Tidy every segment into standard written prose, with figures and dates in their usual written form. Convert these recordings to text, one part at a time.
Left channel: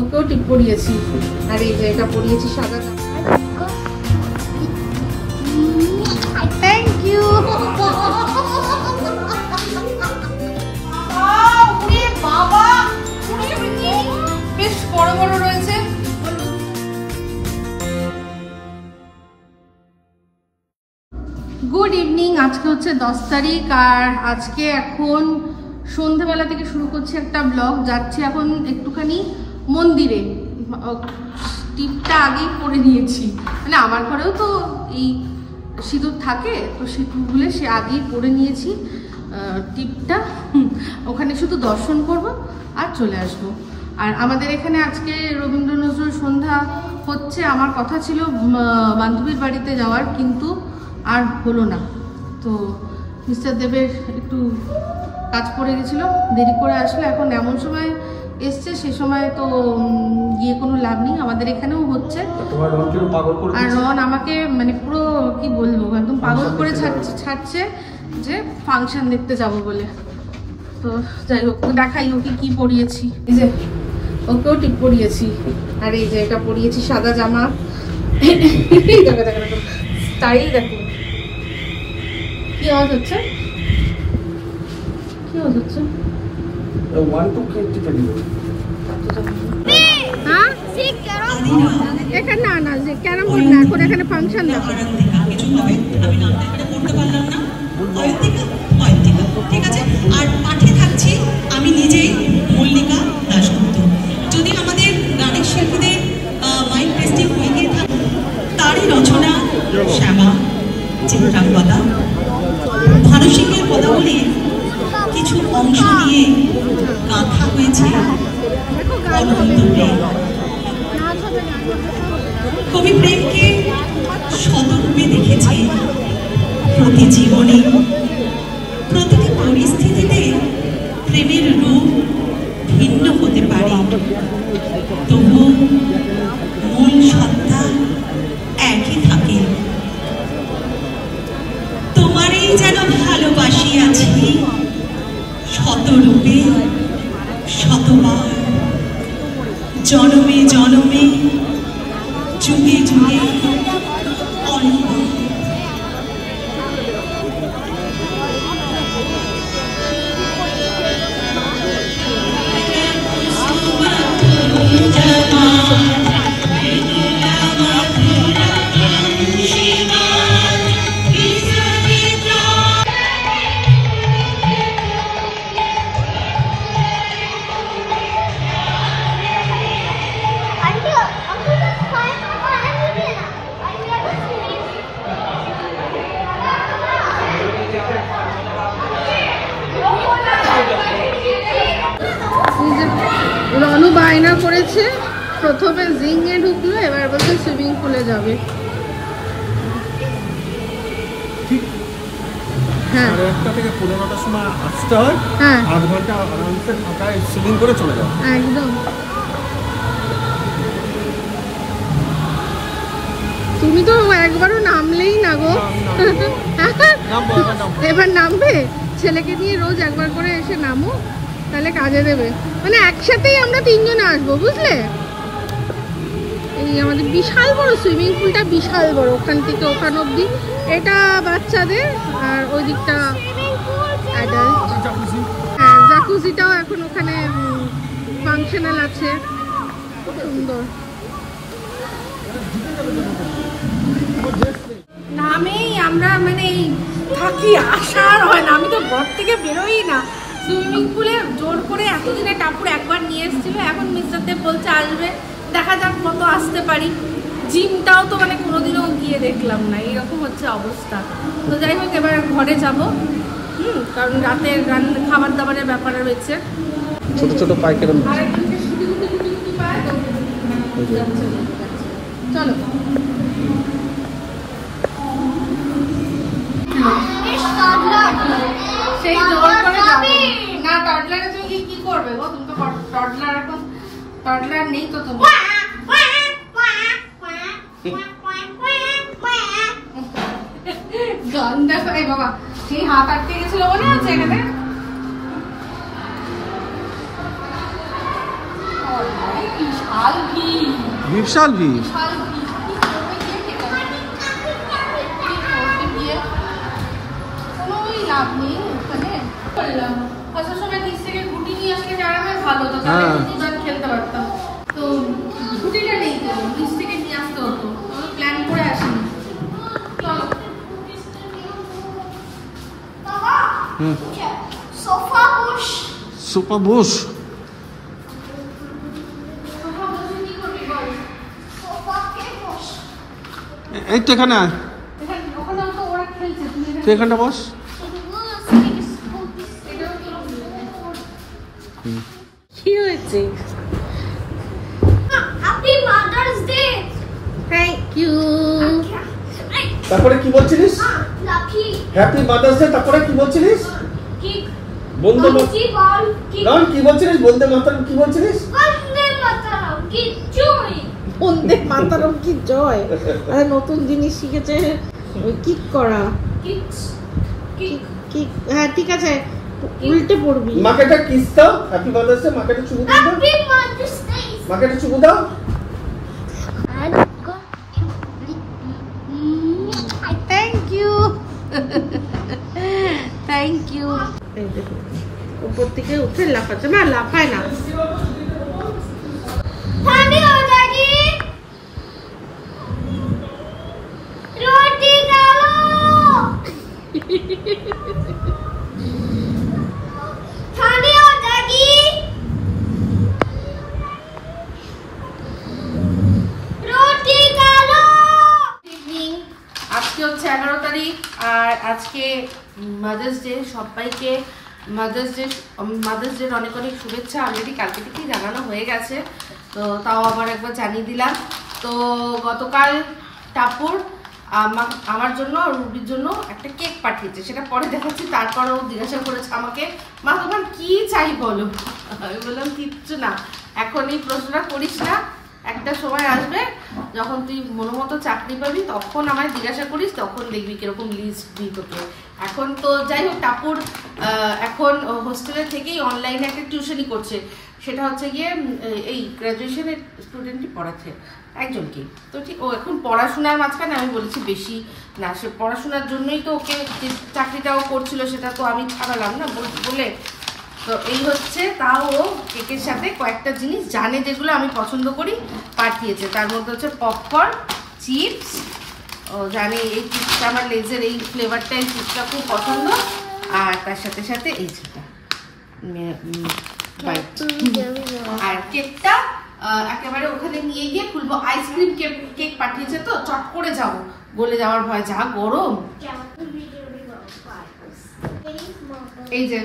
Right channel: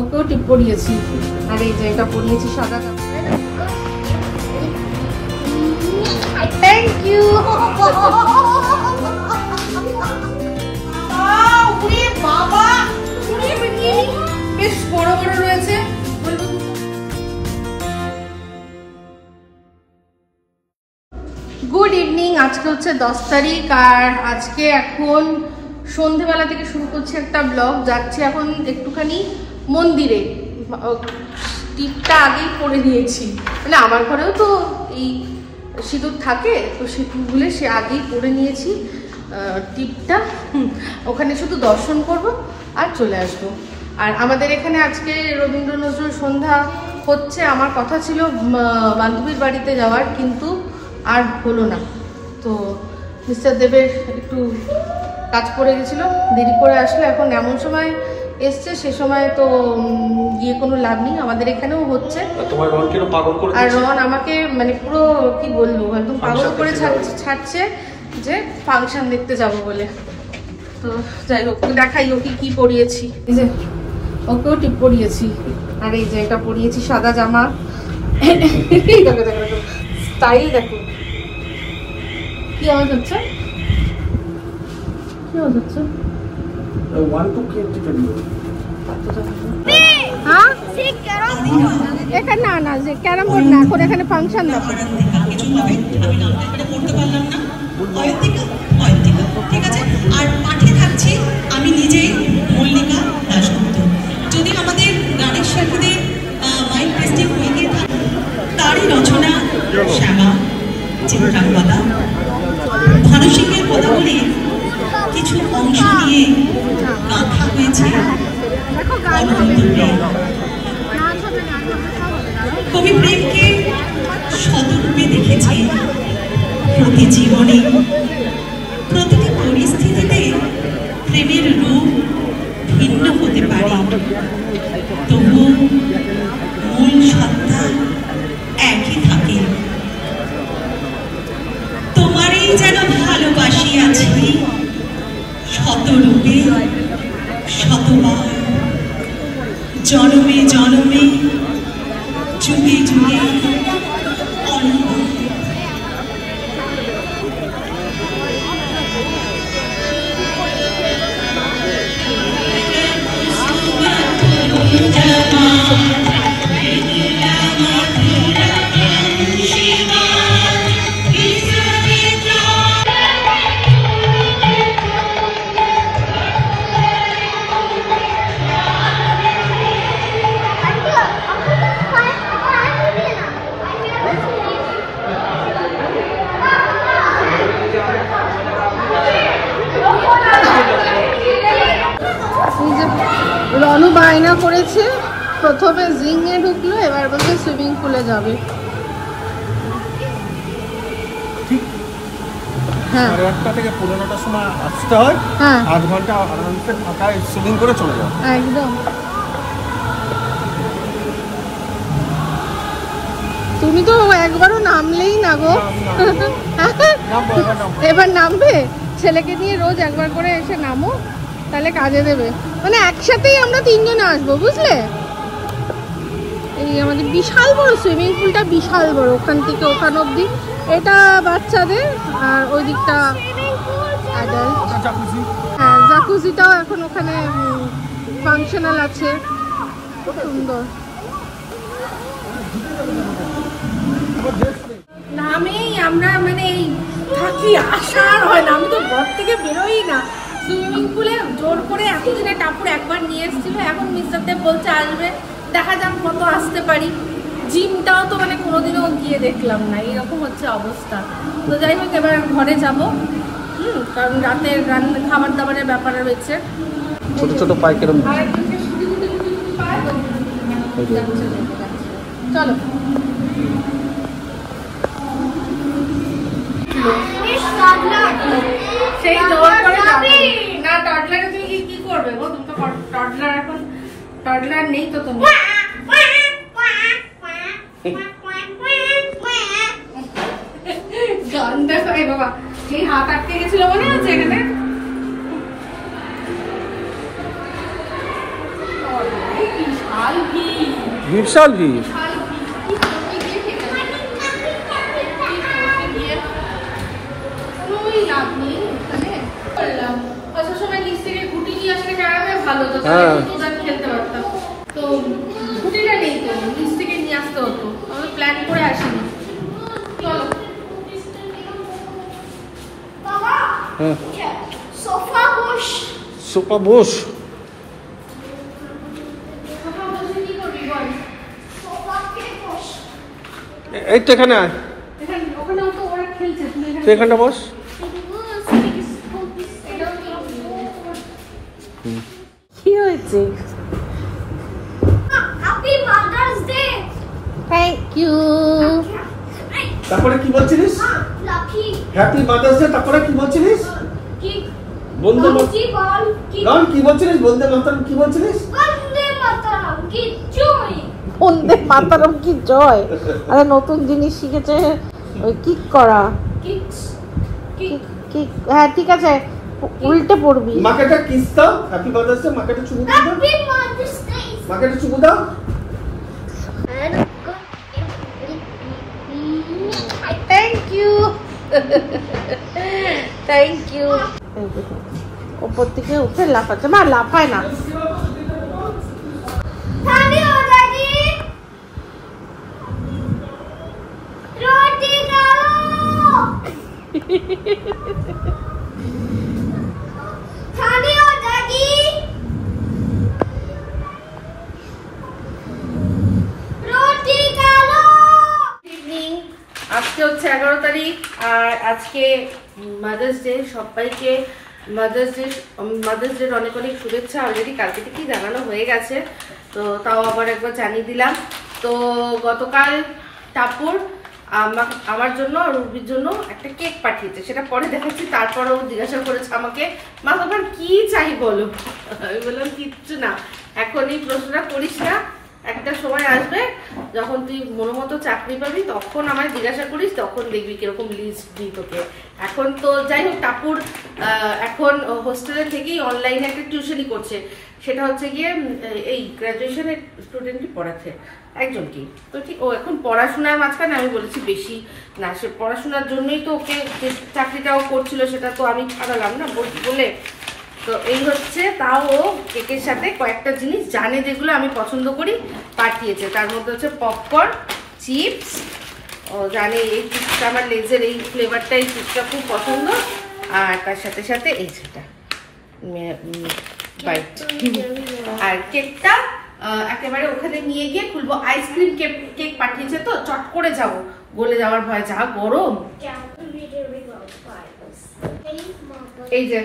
ওকেও টিপ পরিয়েছি, আর এই যে এটা পরিয়েছি সাদা। Thank you. বেশ বড় বড় রয়েছে। Good evening. আজকে হচ্ছে 10 তারিখ, আর আজকে এখন সন্ধ্যেবেলা থেকে শুরু করছি একটা ব্লগ। যাচ্ছি এখন একটুখানি মন্দিরে। টিপটা আগেই পরে নিয়েছি, মানে আমার ঘরেও তো এই সিঁদুর থাকে, তো সিঁদুরগুলো সে আগেই পরে নিয়েছি টিপটা। ওখানে শুধু দর্শন করব আর চলে আসবো। আর আমাদের এখানে আজকে রবীন্দ্র নজরুল সন্ধ্যা হচ্ছে। আমার কথা ছিল বান্ধবীর বাড়িতে যাওয়ার, কিন্তু আর হলো না। তো মিস্টার দেবের একটু কাজ পড়ে গেছিলো, দেরি করে আসলে। এখন এমন সময় এসছে, সে সময় তো গিয়ে কোনো লাভ নেই। আমাদের এখানেও হচ্ছে, আর রোহন আমাকে মানে পুরো কি বলবো একদম পাগল করে ছাড়ছে যে ফাংশন দেখতে যাব বলে। তো যাই হোক, দেখাই ওকে কি পরিয়েছি। এই যে ওকেও টিপ পরিয়েছি, আর এই যে এটা পরিয়েছি সাদা জামা। দেখো দেখো দেখো স্টাইল দেখো। কি আওয়াজ হচ্ছে? কি আওয়াজ হচ্ছে? এখানে না না, যে ক্যারাম বোর্ড না, এখন এখানে ফাংশন দেখো। ঠিক আছে, আর পাঠে থাকছি আমি নিজেই, মল্লিকা দাশগুপ্ত। যদি আমাদের গানের শিল্পীদের মাইন্ড টেস্টিং হয়ে গিয়ে থাকে, তারই রচনা শ্যামা, চিত্রাঙ্গদা, ভানু সিংহের কথাগুলি কিছু অংশ নিয়ে গাঁথা হয়েছে কবি প্রেমকে শতরূপে দেখেছে। প্রতি জীবনে প্রতিটি পরিস্থিতিতে প্রেমের রূপ ভিন্ন হতে পারে, তবু মূল সত্তা একই থাকে। তোমারই যেন ভালোবাসি আছি শতরূপে শতবার, জনমে জনমে যুগে যুগে অনন্ত। রনু বায়না করেছে, প্রথমে জিংয়ে ঢুকলো, এবার বলছে সুইমিং পুলে যাবে। হ্যাঁ, 1:30 থেকে 9:30টার সময় আসতে হয়। 8 ঘন্টা আরামসে ফাঁকায় সুইমিং করে চলে যাও। একদম। তুমি তো একবারও নামলেই না গো। এবার নামবে? ছেলেকে নিয়ে রোজ একবার করে এসে নামো, তাহলে কাজে দেবে। মানে একসাথেই আমরা 3 জনে আসবো, বুঝলে? এই আমাদের বিশাল বড় সুইমিং পুলটা, বিশাল বড়, ওখান থেকে ওখান অব্দি। এটা বাচ্চাদের, আর ওই দিকটা অ্যাডাল্ট। হ্যাঁ, জাকুজিটাও এখন ওখানে ফাংশনাল আছে, খুব সুন্দর। নামেই আমরা মানে থাকি, আসার হয় না। আমি তো ঘর থেকে বেরোই না। সুইমিং পুলে জোর করে এতদিনে টাপুর একবার নিয়ে এসেছিল, এখন মিস্টার দেব বলছে আসবে, দেখা যাক কত আসতে পারি। জিমটাও তো মানে কোনোদিনও গিয়ে দেখলাম না, এইরকম হচ্ছে অবস্থা। তো যাই হোক, এবার ঘরে যাব, কারণ রাতের খাবার দাবারের ব্যাপারে রয়েছে। ছোট ছোট পাই কেরম চলো। সেই জল করে না, টডলারে তুমি কি করবে গো? তুমি তো টডলার, এখন টডলার নেই তো তুমি। গান দেখো বাবা, সেই হাত আটকে গেছিল মনে আছে এখানে। বিশাল ভিড়। খেলতে পারতাম, তো ছুটিটা নেই, তো নিচ থেকে নিয়ে আসতে হতো, আমাদের প্ল্যান করে আসিনি। চলো সোফা বস। এই তো এখানে আয়, তুই এখানটা বস। কি হয়েছে? Happy mother's day. Thank you. তারপরে কি বলছিলিস? Lucky happy mother's day. তারপরে কি বলছিলিস? কি বন্দে কি বল কি মাতরম। কি বলছিলিস? বন্দে মাতরম কি বলছিলিস? বন্দে মাতরম কি জয়। বন্দে মাতরম কি জয়। আরে নতুন জিনিস শিখেছে, ওই কিক করা। কিক্স কিক কিক, হ্যাঁ ঠিক আছে, উল্টে পড়বি। মাকে একটা কিস দাও। Happy mother's day. মাকে একটা চুমু দাও। Happy mother's day. মাকে একটা চুমু দাও। Thank you, thank you. উপর থেকে উঠে লাফাচ্ছে, মা লাফায় না। ঠান্ডি हो जाएगी। रोटी डालो। ঠান্ডি हो जाएगी। रोटी डालो। ইভিনিং, আজকে হচ্ছে 11 তারিখ, আর আজকে মাদার্স ডে। সবাইকে মাদার্স ডে অনেক অনেক শুভেচ্ছা। অলরেডি কালকে থেকেই জানানো হয়ে গেছে, তো তাও আবার একবার জানিয়ে দিলাম। তো গতকাল টাপুর আমার জন্য আর রুবির জন্য একটা কেক পাঠিয়েছে, সেটা পরে দেখাচ্ছি। তারপরও জিজ্ঞাসা করেছে আমাকে, মা তোমার কি চাই বলো। আমি বললাম কিচ্ছু না, এখন এই প্রশ্নটা করিস না, একটা সময় আসবে যখন তুই মনোমতো চাকরি পাবি, তখন আমায় জিজ্ঞাসা করিস, তখন দেখবি কিরকম লিস্ট দিই তোকে। এখন তো যাই হোক, টাপুর এখন হোস্টেলে থেকেই অনলাইনে একটা টিউশনই করছে, সেটা হচ্ছে গিয়ে এই গ্রাজুয়েশনের স্টুডেন্টই পড়াচ্ছে একজনকে। তো ঠিক ও এখন পড়াশোনার মাঝখানে আমি বলেছি বেশি না, সে পড়াশোনার জন্যই তো ওকে যে চাকরিটাও করছিল সেটা তো আমি ছাড়ালাম না বলে। তো এই হচ্ছে, তাও ও কেকের সাথে কয়েকটা জিনিস জানে যেগুলো আমি পছন্দ করি পাঠিয়েছে। তার মধ্যে হচ্ছে পপকর্ন, চিপস, ও জানে এই চিপসটা আমার লেজের এই ফ্লেভারটা, এই চিপসটা খুব পছন্দ। আর তার সাথে সাথে এই যেটা বাইট। আর কেকটা একেবারে ওখানে নিয়ে গিয়ে খুলবো। আইসক্রিম কেক পাঠিয়েছে, তো চট করে যাবো, গলে যাওয়ার ভয়, যা গরম। এই যে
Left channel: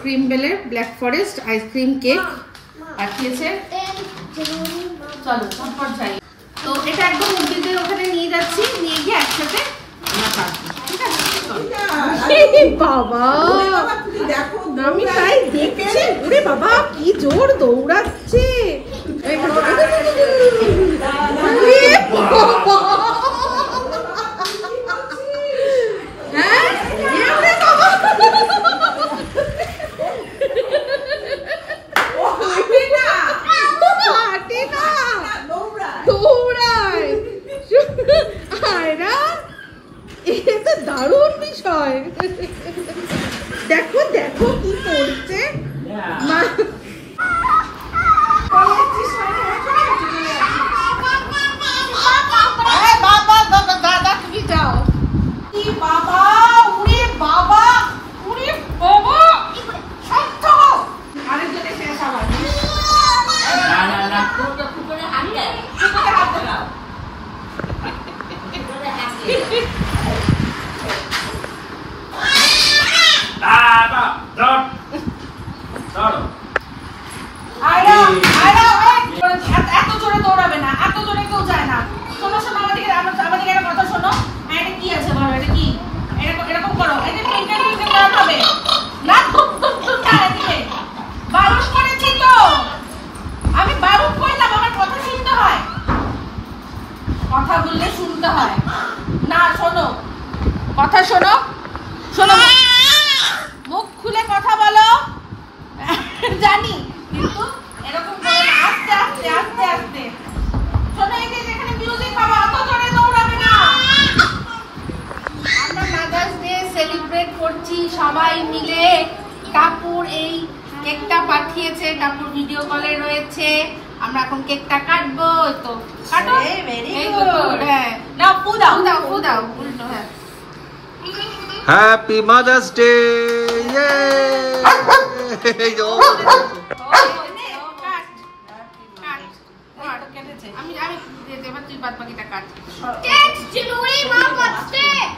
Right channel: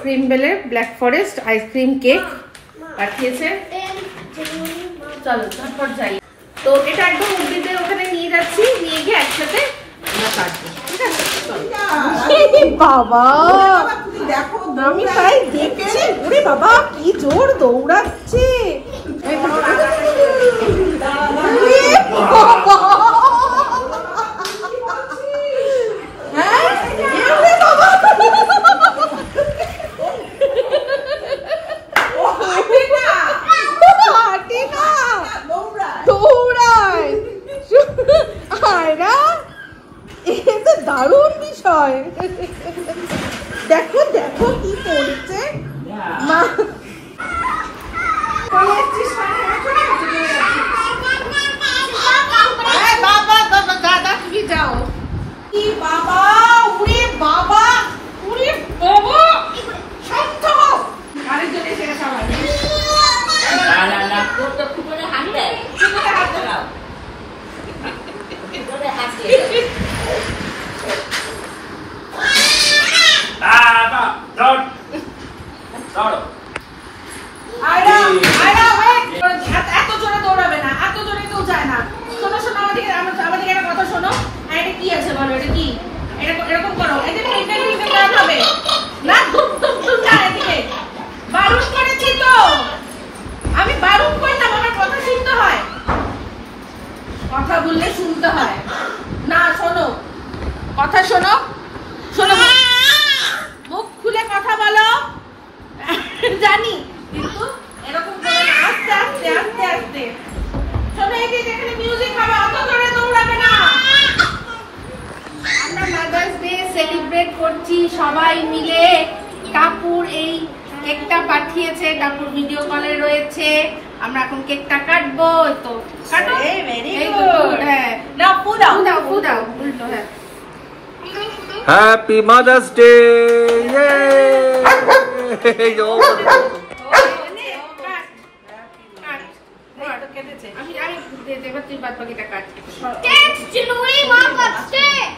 ক্রিম বেলের ব্ল্যাক ফরেস্ট আইসক্রিম কেক পাঠিয়েছে। চলো ঝটপট যাই। তো এটা একদম উদ্দিদের ওখানে নিয়ে যাচ্ছি, নিয়ে গিয়ে একসাথে আমরা কাটবো, ঠিক আছে? বাবা আমি তাই দেখছি, ওরে বাবা কি জোর দৌড়াচ্ছে। দারুণ বিষয়, দেখো দেখো কি করছে মা। তুমি যাও। কি বাবা, উড়ে বাবা, উড়ে বাবা, শান্ত হও। আরেকজনে শেষ আমার এত জোরে দৌড়াবে না, এত জোরে কেউ যায় না। শোনো শোনো, আমাদের একটা কথা শোনো। এটা কি আছে বলো, এটা কি? এরকম করো, এদিকে প্রিন্টার হবে না, ধুপ ধুপ ধুপ না। এদিকে বারণ করেছি তো, আমি বারণ করলাম, আমার কথা শুনতে হয়, কথা বললে শুনতে হয় না। শোনো কথা, শোনো শোনো, মুখ খুলে কথা বলো, জানি, কিন্তু এরকম করে আস্তে আস্তে আস্তে আস্তে সবাই মিলে টাপুর এই কেকটা পাঠিয়েছে, টাপুর ভিডিও কলে রয়েছে। আমরা এখন কেকটা কাটবো। তো কাটো। ভেরি এই গুড। good, হ্যাঁ। নাও ফু দাও। ফু দাও উল্টো, হ্যাঁ। Happy mother's day. আমি এবার তুই বাদ বাকিটা কাট। Get to know what what's there.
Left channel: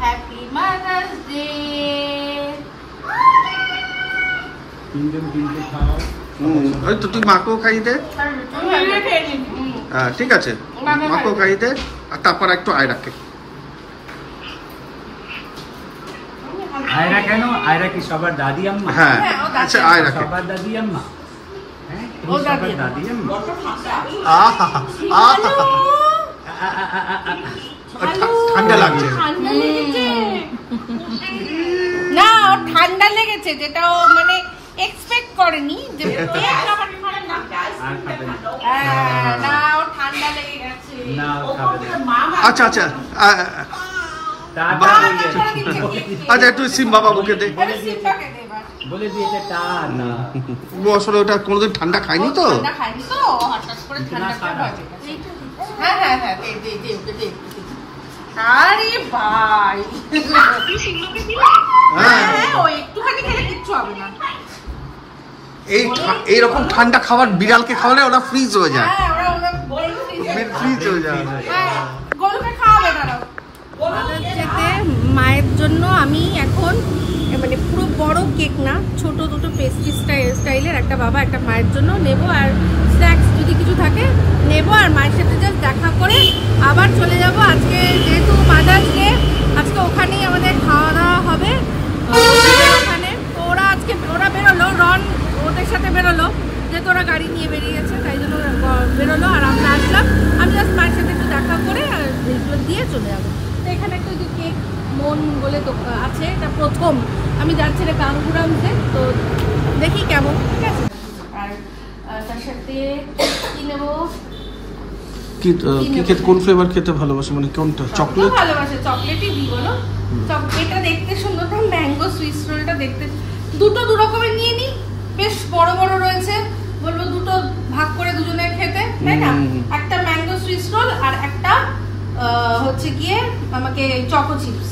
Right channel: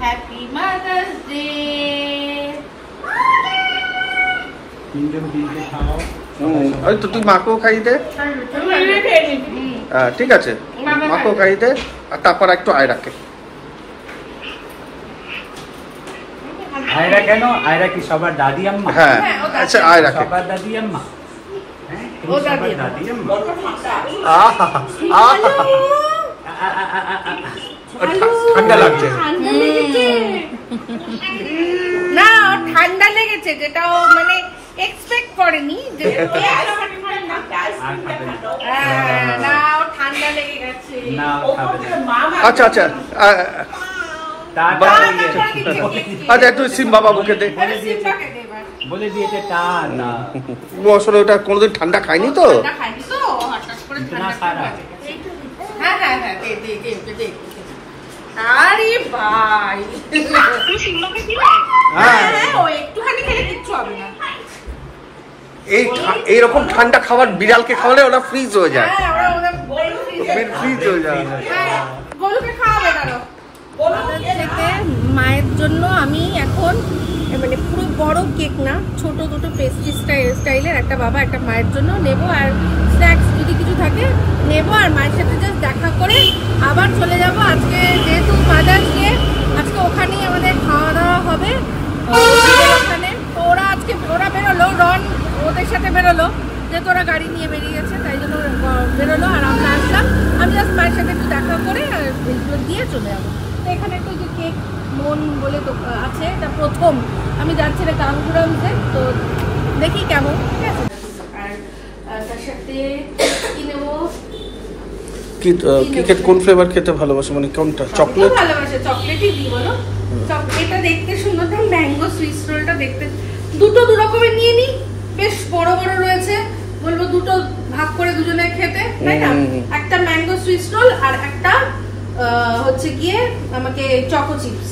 Happy mother's day. ওই তো তুই মাকেও খাই দে। ঠিক আছে, মাকেও খাই দে, আর তারপর একটু আয়রাকে। আয়রা কেন? আয়রা কি সবার দাদি আম্মা? হ্যাঁ, আচ্ছা আয়রাকে। সবার দাদি আম্মা? ও দাদি আম্মা। ঠান্ডা লাগছে না, ওর ঠান্ডা লেগেছে, যেটা ও মানে এক্সপেক্ট করেনি যে না, ওর ঠান্ডা লেগে গেছে। আচ্ছা আচ্ছা আচ্ছা, একটু সিম্বা বাবুকে দে। বলে দিয়েছে টান না। ও আসলে ওটা কোনোদিন ঠান্ডা খায়নি তো। খাইনি তো, হঠাৎ করে ঠান্ডা খেয়ে গেছে। হ্যাঁ হ্যাঁ হ্যাঁ, দে। আরে ভাই, হ্যাঁ, ও একটুখানি খেলে কিচ্ছু হবে না। এইরকম ঠান্ডা খাবার বিড়ালকে খাওয়ালে ওরা ফ্রিজ হয়ে যায়। হ্যাঁ, ওরা ফ্রিজ হয়ে যায়। গরুকে খাওয়াবে দাঁড়াও। মায়ের জন্য আমি এখন মানে পুরো বড় কেক না, ছোট দুটো পেস্ট্রি স্টাইলের, একটা বাবা একটা মায়ের জন্য নেব, আর স্ন্যাক্স যদি কিছু থাকে নেব, আর মায়ের সাথে জাস্ট দেখা করে আবার চলে যাব। আজকে যেহেতু মাদার্স ডে, আজকে ওখানেই আমাদের খাওয়া দাওয়া হবে ওখানে। তো ওরা বেরোলো, রন ওদের সাথে বেরোলো, যেহেতু ওরা গাড়ি নিয়ে বেরিয়ে গেছে, তাই জন্য বেরোলো, আর আমরা আসলাম। আমি জাস্ট মায়ের সাথে একটু দেখা করে আর ভিডিও দিয়ে চলে যাবো। তো এখানে একটা যে কেক মন বলে আছে, এটা প্রথম আমি যাচ্ছি রে কাঙ্গুরামসে, তো দেখি কেমন। ঠিক আছে, আর তার সাথে কি নেবো, কি খেতে, কোন ফ্লেভার খেতে ভালোবাসে, মানে কোনটা? চকলেট ভালোবাসে, চকলেটই দিই বলো। এটা দেখতে সুন্দর, তো ম্যাঙ্গো সুইস রোলটা দেখতে, দুটো দু রকমের নিয়ে নিই, বেশ বড় বড় রয়েছে, বলবো দুটো ভাগ করে দুজনে খেতে, তাই না? একটা ম্যাঙ্গো সুইস রোল আর একটা হচ্ছে গিয়ে আমাকে চকো চিপস।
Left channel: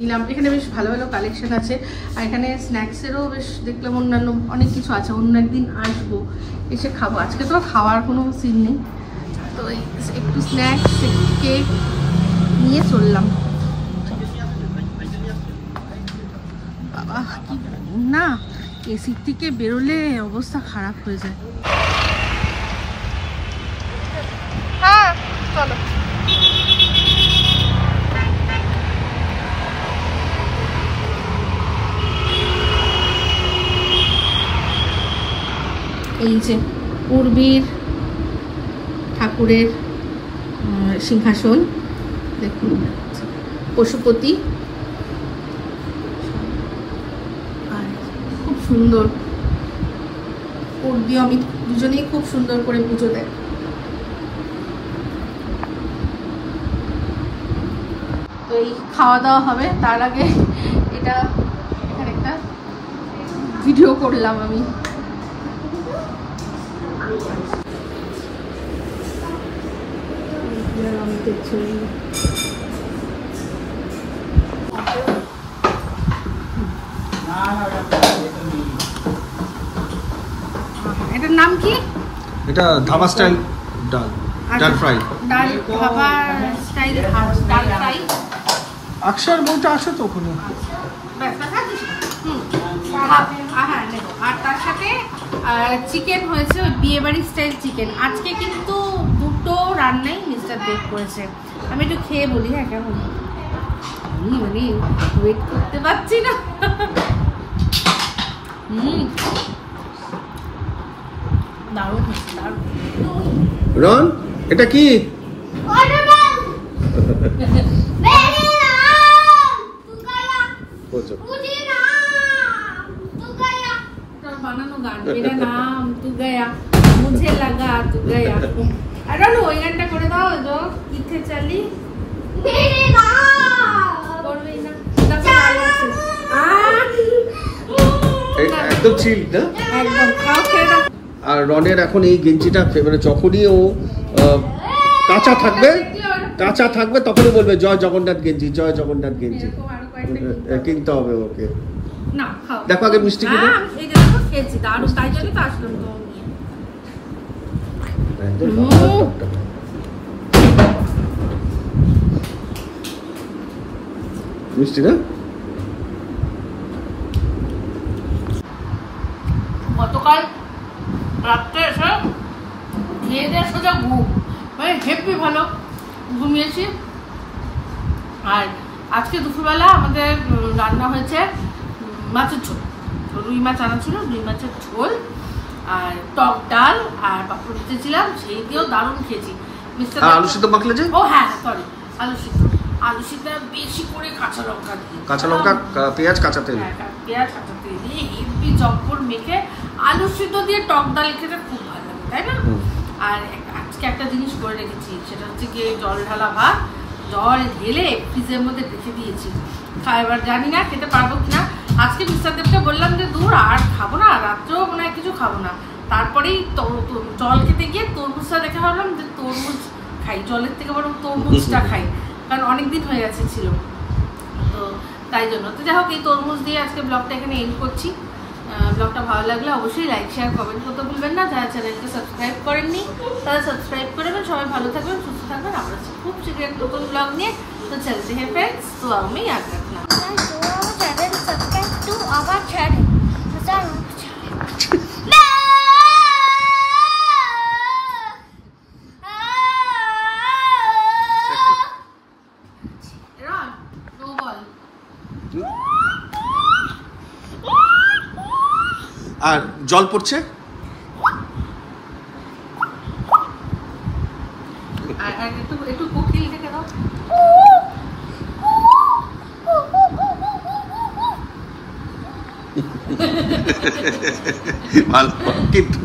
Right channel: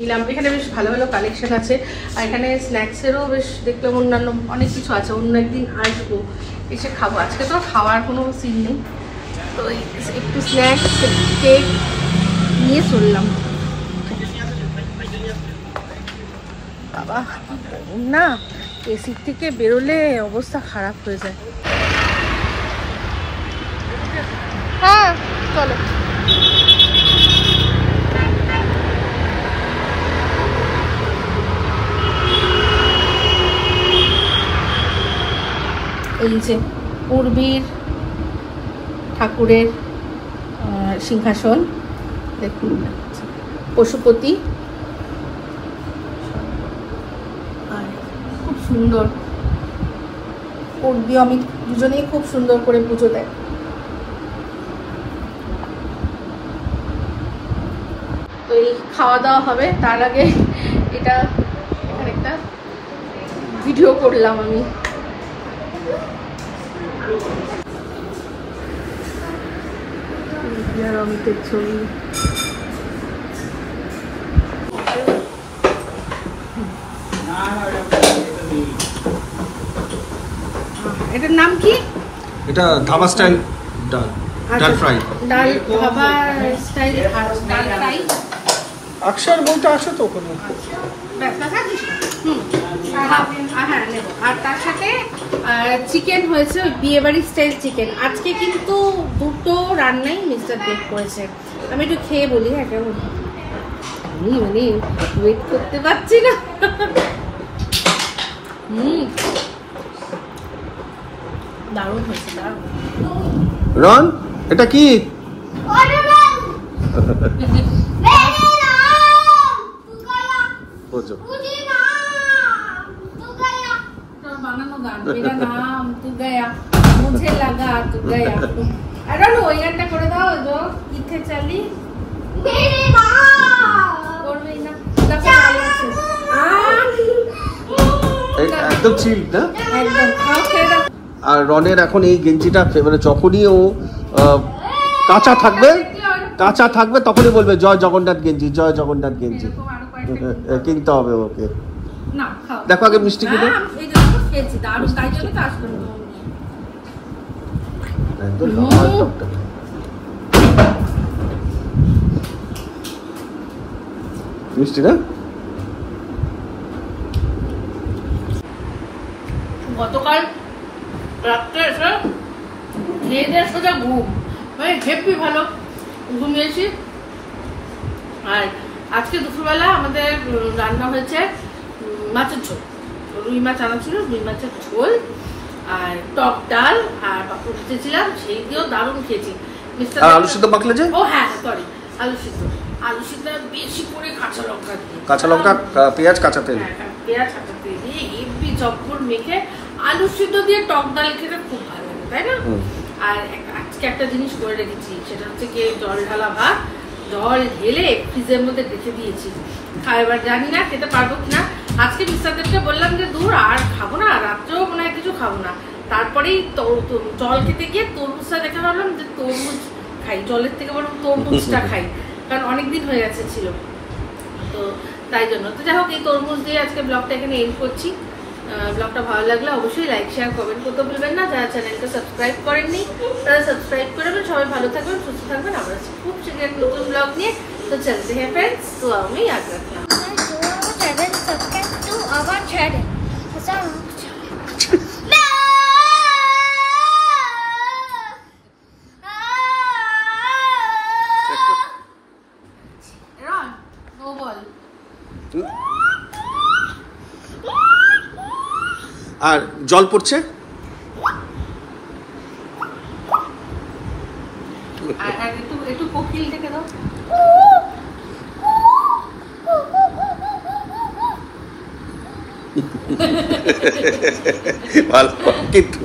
নিলাম, এখানে বেশ ভালো ভালো কালেকশন আছে, আর এখানে স্ন্যাক্সেরও বেশ দেখলাম অন্যান্য অনেক কিছু আছে। অন্য একদিন আসবো, এসে খাবো, আজকে তো খাওয়ার কোনো সিন নেই, তো একটু স্ন্যাক্স কেক নিয়ে চললাম। বাবা কি গরম না, এসির থেকে বেরোলে অবস্থা খারাপ হয়ে যায়। হ্যাঁ চলো। এই যে পূর্বীর ঠাকুরের সিংহাসন, দেখুন পশুপতি, খুব সুন্দর। পূর্বী আমি দুজনেই খুব সুন্দর করে পুজো দেয়। তো এই খাওয়া দাওয়া হবে, তার আগে এটা এখানে একটা ভিডিও করলাম আমি। অমিতের ছবি, এটার নাম কি? এটা ধাবা স্টাইল ডাল, ডাল ফ্রাই। ডাল ধাবা স্টাইল ডাল ফ্রাই। আকশার বলতে আসো তো ওখানে। হ্যাঁ নেবো, আর তার সাথে চিকেন হয়েছে, বিয়ে বাড়ি স্টাইল চিকেন। আজকে কিন্তু দুটো রান্নাই মিস্টার দেব করেছে। আমি একটু খেয়ে বলি, হ্যাঁ কেমন, আমি মানে ওয়েট করতে পারছি না। দারুণ হয়েছে, দারুণ। রন, এটা কি? Watermelon. Banana. Pupaya. বুঝো। Pudina. मुझे लगा तू गया अरे नो ওই গানটা করে দাও जो ইথে চলি मेरे नाम করবেই না দেখো ভালো আছে একদম চিল না একদম খাও খেয়ে দাও আর রনের এখন এই গেঞ্জিটা মানে যখনই ও কাঁচা থাকবে তখনই বলবে জয় জগন্নাথ গেঞ্জি জয় জগন্নাথ গেঞ্জি কিনতে হবে ওকে না খাও দেখো আগে মিষ্টি কিনে হ্যাঁ এই জন্য খেয়েছি দারুণ তাই জন্য তো আসলো মিষ্টি না গতকাল রাত্রে এসে খেয়ে দিয়ে সোজা ঘুম মানে হেব্বি ভালো ঘুমিয়েছি আর আজকে দুপুরবেলা আমাদের রান্না হয়েছে মাছের ঝোল রুই মাছ আনা ছিল রুই মাছের ঝোল আর টক ডাল আর পাপড় দিয়েছিলাম সেই দিয়েও দারুণ খেয়েছি আলু সিদ্ধ মাখলে যে ও হ্যাঁ সরি আলু সিদ্ধ বেশি করে কাঁচা লঙ্কা পেঁয়াজ কাঁচা তেল পেঁয়াজ কাঁচা তেল দিয়ে হেব্বি চপ্পর মেখে আলু সিদ্ধ দিয়ে টক ডাল খেতে খুব ভালো লাগে তাই না আর আজকে একটা জিনিস করে রেখেছি সেটা হচ্ছে কি জল ঢালা ভাত জল ঢেলে ফ্রিজের মধ্যে রেখে দিয়েছি এবার জানি না খেতে পারবো কিনা আজকে মিস্টারদেরকে বললাম যে দূর আর খাবো না রাত্রেও মনে হয় কিছু খাবো না তারপরেই জল খেতে গিয়ে তরমুজটা দেখে ভাবলাম যে তরমুজ খাই জলের থেকে বরং তরমুজটা খাই কারণ অনেকদিন হয়ে গেছে ছিল তো তাই জন্য তো যাই হোক এই তরমুজ দিয়ে আজকে ব্লগটা এখানে এন্ড করছি ব্লগটা ভালো লাগলে অবশ্যই লাইক শেয়ার কমেন্ট করতে ভুলবেন না যারা চ্যানেলটা সাবস্ক্রাইব করেননি তারা সাবস্ক্রাইব করবেন সবাই ভালো থাকবেন সুস্থ থাকবেন আবার খুব শীঘ্রই একটা নতুন ব্লগ নিয়ে তো চলতে হ্যাঁ ফ্রেন্ডস তো আমি याद रखना subscribe to our channel আর জল পড়ছে একটু কোকিল দেখে দাও ভালো কিন্তু